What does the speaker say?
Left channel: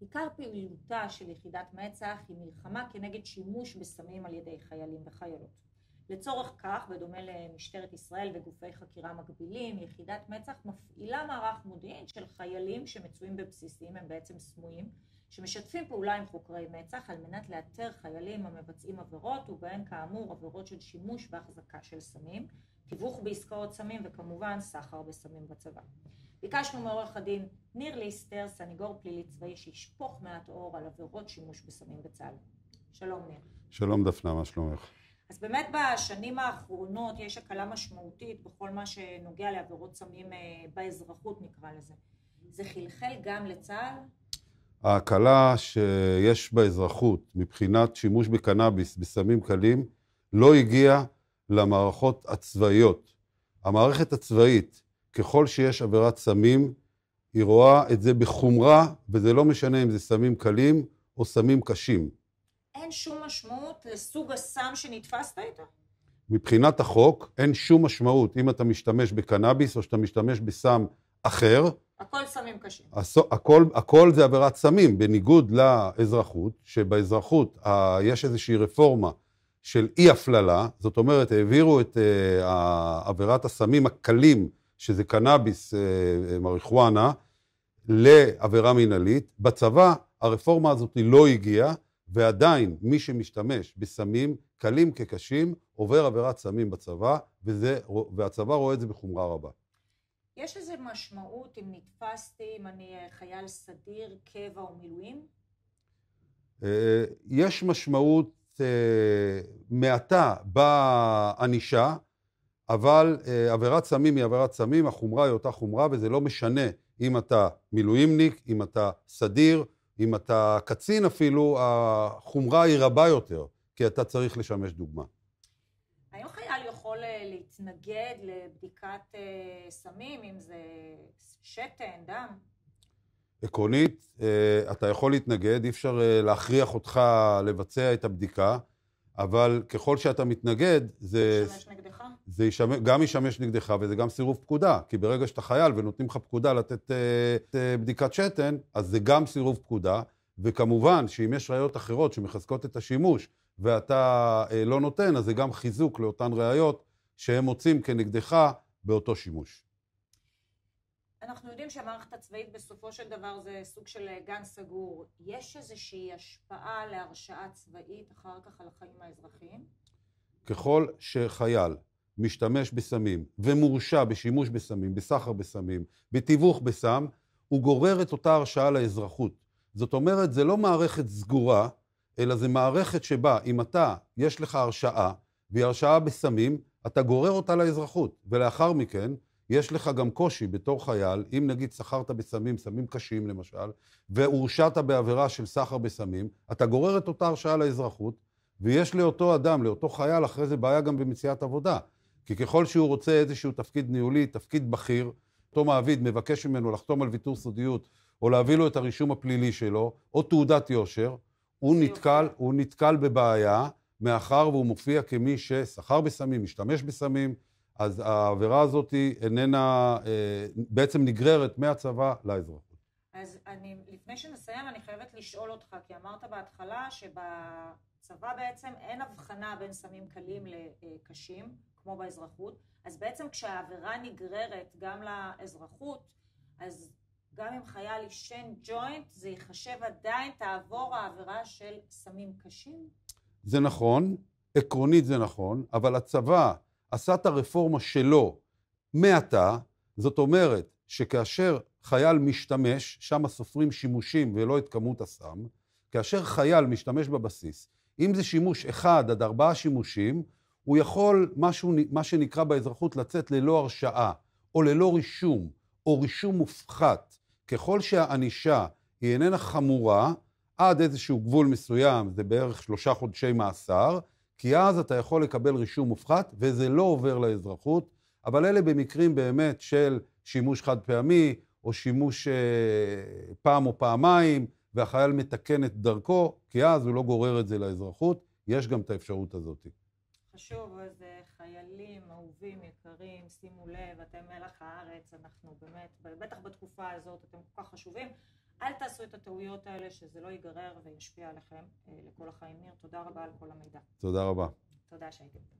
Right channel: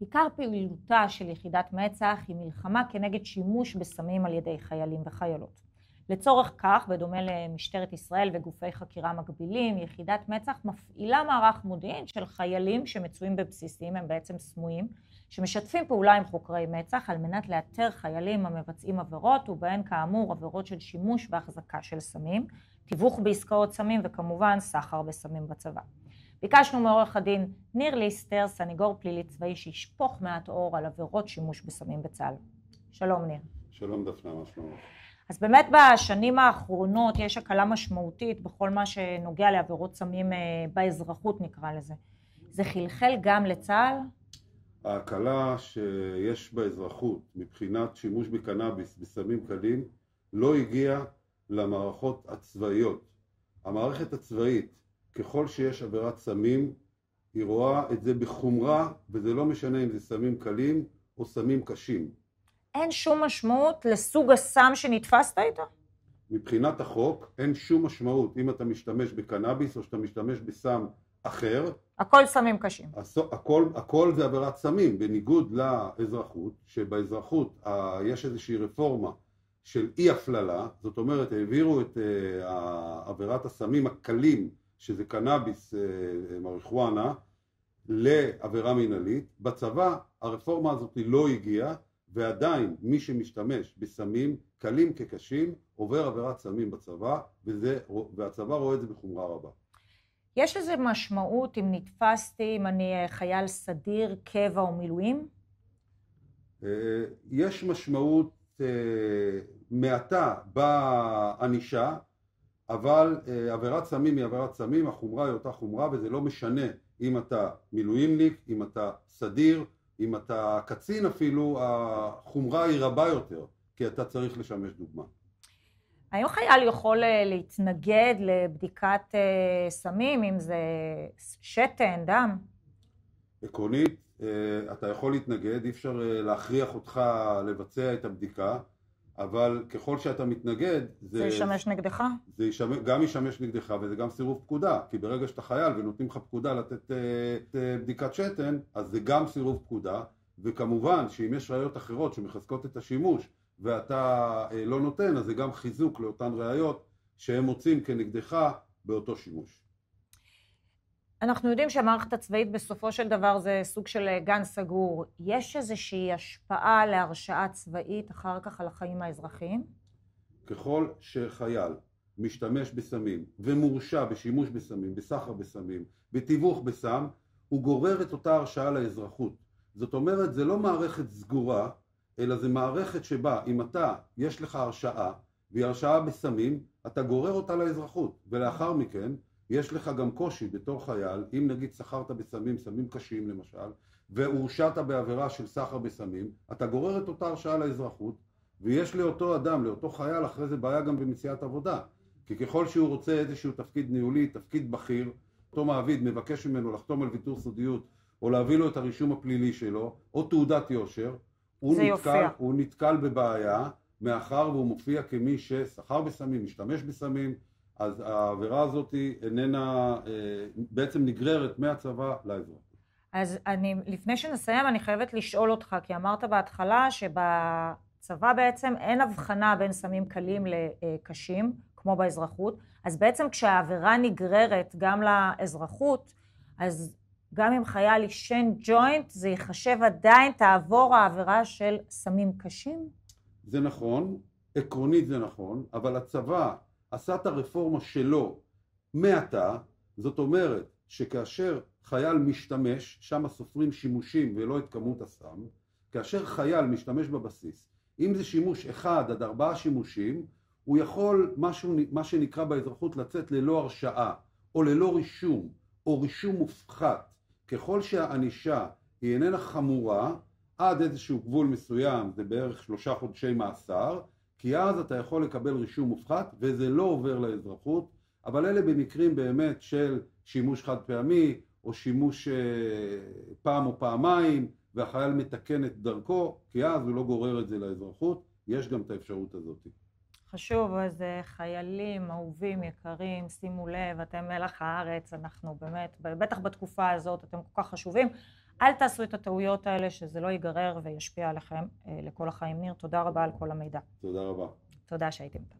עיקר פעילותה של יחידת מצ"ח היא מלחמה כנגד שימוש בסמים על ידי חיילים וחיילות. לצורך כך, בדומה למשטרת ישראל וגופי חקירה מקבילים, יחידת מצ"ח מפעילה מערך מודיעין של חיילים שמצויים בבסיסים, הם בעצם סמויים, שמשתפים פעולה עם חוקרי מצ"ח על מנת לאתר חיילים המבצעים עבירות, ובהן כאמור עבירות של שימוש והחזקה של סמים, תיווך בעסקאות סמים וכמובן סחר בסמים בצבא. ביקשנו מעורך הדין ניר ליסטר, סניגור פלילי צבאי, שישפוך מעט אור על עבירות שימוש בסמים בצה"ל. שלום ניר. שלום דפנה, מה שלומך? אז באמת בשנים האחרונות יש הקלה משמעותית בכל מה שנוגע לעבירות סמים באזרחות, נקרא לזה. זה חלחל גם לצה"ל? ההקלה שיש באזרחות מבחינת שימוש בקנאביס בסמים קלים לא הגיעה למערכות הצבאיות. המערכת הצבאית, ככל שיש עבירת סמים, היא רואה את זה בחומרה, וזה לא משנה אם זה סמים קלים או סמים קשים. אין שום משמעות לסוג הסם שנתפסת איתו? מבחינת החוק אין שום משמעות אם אתה משתמש בקנאביס או שאתה משתמש בסם אחר. הכל סמים קשים. הכל זה עבירת סמים, בניגוד לאזרחות, שבאזרחות יש איזושהי רפורמה של אי הפללה, זאת אומרת העבירו את עבירת הסמים הקלים, שזה קנאביס, מריחואנה, לעבירה מינהלית. בצבא הרפורמה הזאת לא הגיעה, ועדיין מי שמשתמש בסמים קלים כקשים עובר עבירת סמים בצבא, והצבא רואה את זה בחומרה רבה. יש לזה משמעות אם נתפסתי, אם אני חייל סדיר, קבע או מילואים? יש משמעות מעטה בענישה, אבל עבירת סמים היא עבירת סמים, החומרה היא אותה חומרה, וזה לא משנה אם אתה מילואימניק, אם אתה סדיר, אם אתה קצין אפילו, החומרה היא רבה יותר, כי אתה צריך לשמש דוגמה. האם חייל יכול להתנגד לבדיקת סמים, אם זה שתן, דם? עקרונית, אתה יכול להתנגד, אי אפשר להכריח אותך לבצע את הבדיקה, אבל ככל שאתה מתנגד, זה ישמש נגדך? זה גם ישמש נגדך, וזה גם סירוב פקודה, כי ברגע שאתה חייל ונותנים לך פקודה לתת בדיקת שתן, אז זה גם סירוב פקודה, וכמובן שאם יש ראיות אחרות שמחזקות את השימוש, ואתה לא נותן, אז זה גם חיזוק לאותן ראיות שהם מוצאים כנגדך באותו שימוש. אנחנו יודעים שהמערכת הצבאית בסופו של דבר זה סוג של גן סגור. יש איזושהי השפעה להרשעה צבאית אחר כך על החיים האזרחיים? ככל שחייל משתמש בסמים ומורשע בשימוש בסמים, בסחר בסמים, בתיווך בסם, הוא גורר את אותה הרשעה לאזרחות. זאת אומרת, זה לא מערכת סגורה, אלא זה מערכת שבה אם יש לך הרשעה, והיא הרשעה בסמים, אתה גורר אותה לאזרחות, ולאחר מכן יש לך גם קושי בתור חייל, אם נגיד סחרת בסמים, סמים קשים למשל, והורשעת בעבירה של סחר בסמים, אתה גורר את אותה הרשעה לאזרחות, ויש לאותו אדם, לאותו חייל, אחרי זה בעיה גם במציאת עבודה. כי ככל שהוא רוצה איזשהו תפקיד ניהולי, תפקיד בכיר, אותו מעביד מבקש ממנו לחתום על ויתור סודיות, או להביא לו את הרישום הפלילי שלו, או תעודת יושר, הוא נתקל בבעיה, מאחר והוא מופיע כמי שסחר בסמים, משתמש בסמים, אז העבירה הזאת איננה, בעצם נגררת מהצבא לאזרחות. אז לפני שנסיים, אני חייבת לשאול אותך, כי אמרת בהתחלה שבצבא בעצם אין הבחנה בין סמים קלים לקשים, כמו באזרחות, אז בעצם כשהעבירה נגררת גם לאזרחות, אז גם אם חייל ישן ג'וינט, זה יחשב עדיין תעבור העבירה של סמים קשים? זה נכון, עקרונית זה נכון, אבל הצבא עשה את הרפורמה שלו מעתה, זאת אומרת שכאשר חייל משתמש, שם סופרים שימושים ולא את כמות הסם, כאשר חייל משתמש בבסיס, אם זה שימוש 1 עד 4 שימושים, הוא יכול מה שנקרא באזרחות לצאת ללא הרשעה, או ללא רישום, או רישום מופחת. ככל שהענישה היא איננה חמורה, עד איזשהו גבול מסוים, זה בערך 3 חודשי מאסר, כי אז אתה יכול לקבל רישום מופחת, וזה לא עובר לאזרחות, אבל אלה במקרים באמת של שימוש חד פעמי, או שימוש פעם או פעמיים, והחייל מתקן את דרכו, כי אז הוא לא גורר את זה לאזרחות, יש גם את האפשרות הזאת. חשוב, אז חיילים, אהובים, יקרים, שימו לב, אתם מלח הארץ, אנחנו באמת, בטח בתקופה הזאת אתם כל כך חשובים. אל תעשו את הטעויות האלה, שזה לא ייגרר וישפיע עליכם לכל החיים. ניר, תודה רבה על כל המידע. תודה רבה. תודה שהייתם.